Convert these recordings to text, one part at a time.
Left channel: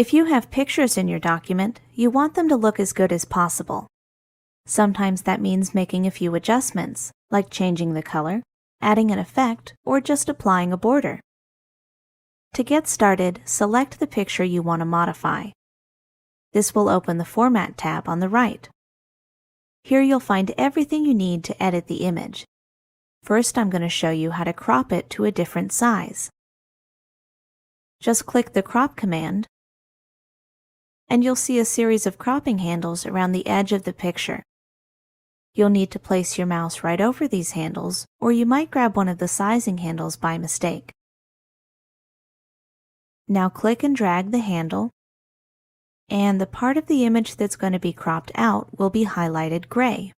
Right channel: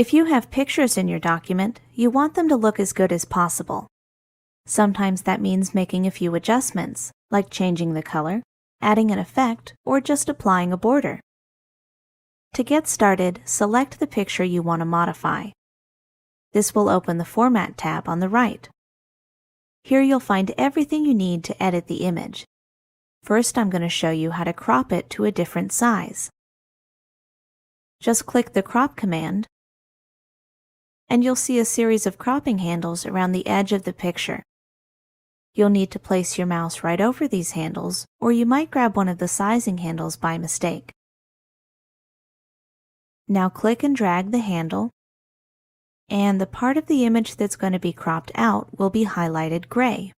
If you have pictures in your document, you want them to look as good as possible. Sometimes that means making a few adjustments, like changing the color, adding an effect, or just applying a border. To get started, select the picture you want to modify. This will open the Format tab on the right. Here you'll find everything you need to edit the image. First, I'm going to show you how to crop it to a different size. Just click the Crop command, and you'll see a series of cropping handles around the edge of the picture. You'll need to place your mouse right over these handles, or you might grab one of the sizing handles by mistake. Now click and drag the handle, and the part of the image that's going to be cropped out will be highlighted gray.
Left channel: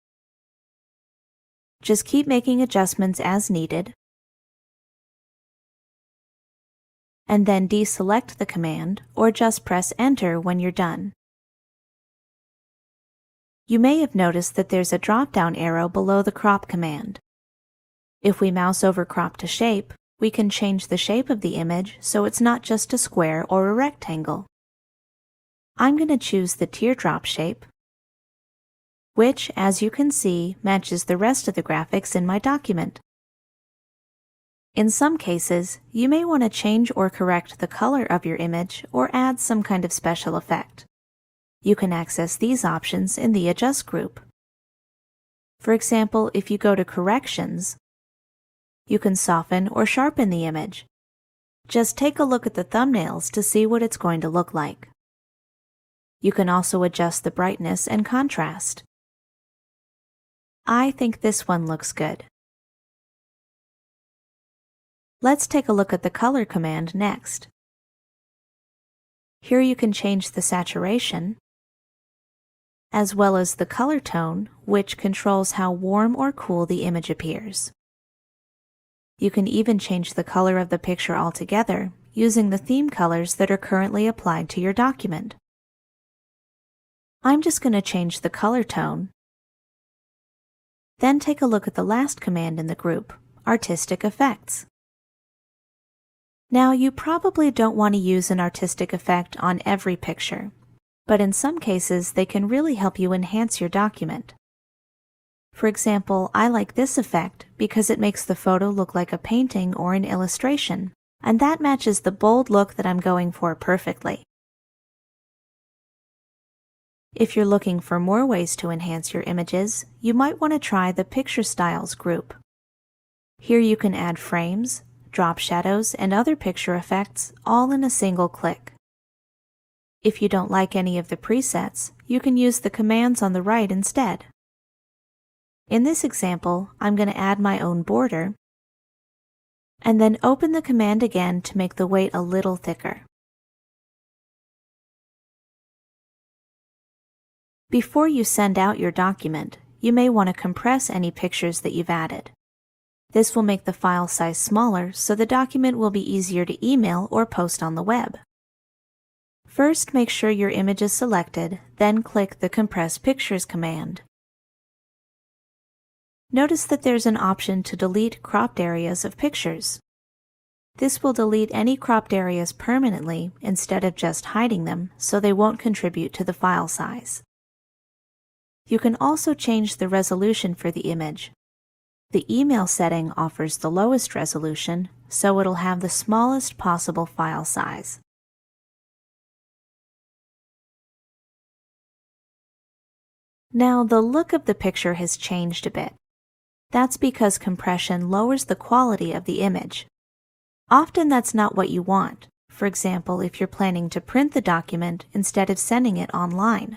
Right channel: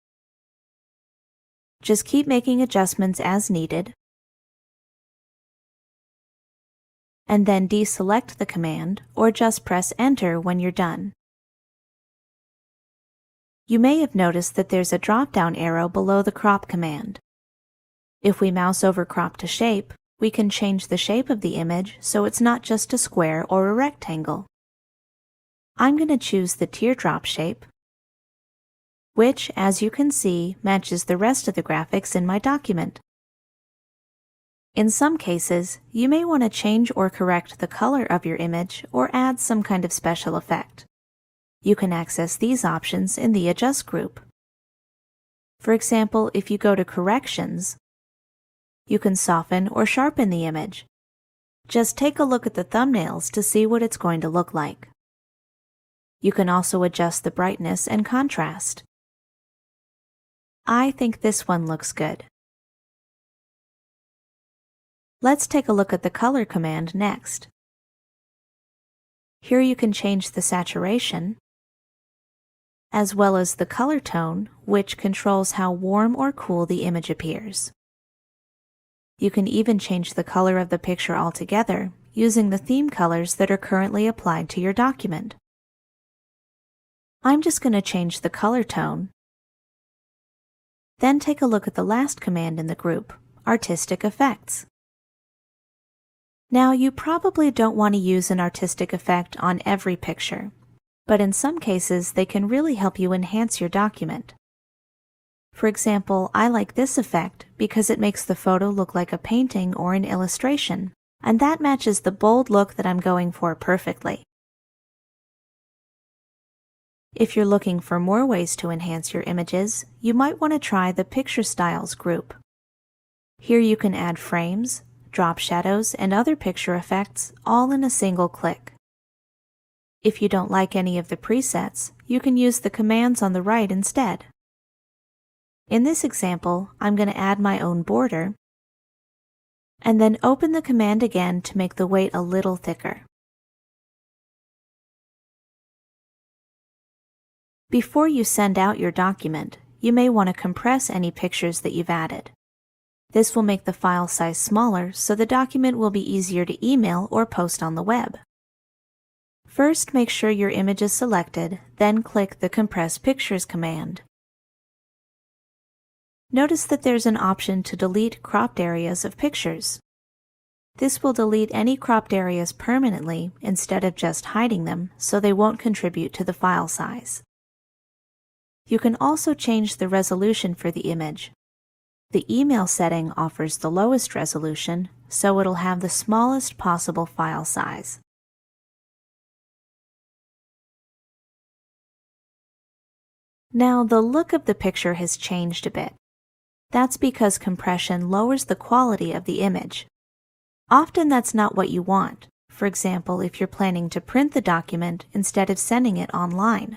Just keep making adjustments as needed, and then deselect the command, or just press Enter when you're done. You may have noticed that there's a drop-down arrow below the Crop command. If we mouse over Crop to Shape, we can change the shape of the image so it's not just a square or a rectangle. I'm going to choose the teardrop shape, which, as you can see, matches the rest of the graphics in my document. In some cases, you may want to change or correct the color of your image or add some kind of special effect. You can access these options in the Adjust group. For example, if you go to Corrections, you can soften or sharpen the image. Just take a look at the thumbnails to see what it's going to look like. You can also adjust the brightness and contrast. I think this one looks good. Let's take a look at the Color command next. Here you can change the saturation, as well as the color tone, which controls how warm or cool the image appears. You can even change the color of the picture altogether using the theme colors that are currently applied to your document. I'm just going to change the color tone. Then take a look at the last command in the group, Artistic Effects. Now, you probably don't want to use an artistic effect on every picture, but in some cases they can really help you enhance your document. For example, I like this effect because it makes the photo look like a painting or an illustration, and that matches the bold look that I'm going for perfectly. If you're looking for more ways to enhance your images, you might want to try the Picture Styles group. Here you can add frames, drop shadows, and other picture effects all in a single click. If you don't like any of the presets, you can use the commands on the right instead. In this example, I'm going to add my own border, and then open the command again to make the weight a little thicker. Before you send out your document, you may want to compress any pictures that you've added. This will make the file size smaller, so the document will be easier to email or post on the web. First, make sure your image is selected, then click the Compress Pictures command. Notice that there's an option to delete cropped areas of pictures. This will delete any cropped areas permanently instead of just hiding them, so they won't contribute to the file size. You can also change the resolution for the image. The email setting offers the lowest resolution, so it'll have the smallest possible file size. Now, the look of the picture has changed a bit. That's because compression lowers the quality of the image. Often that's not what you want. For example, if you're planning to print the document instead of sending it online.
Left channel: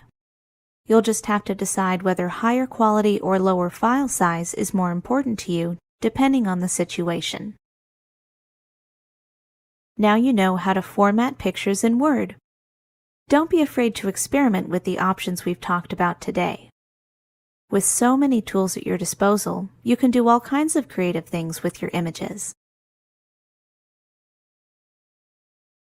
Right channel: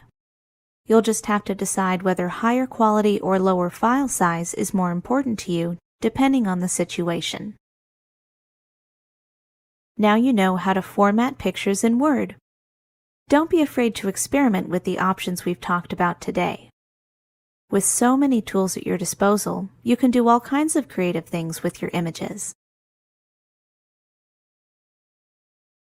You'll just have to decide whether higher quality or lower file size is more important to you, depending on the situation. Now you know how to format pictures in Word. Don't be afraid to experiment with the options we've talked about today. With so many tools at your disposal, you can do all kinds of creative things with your images.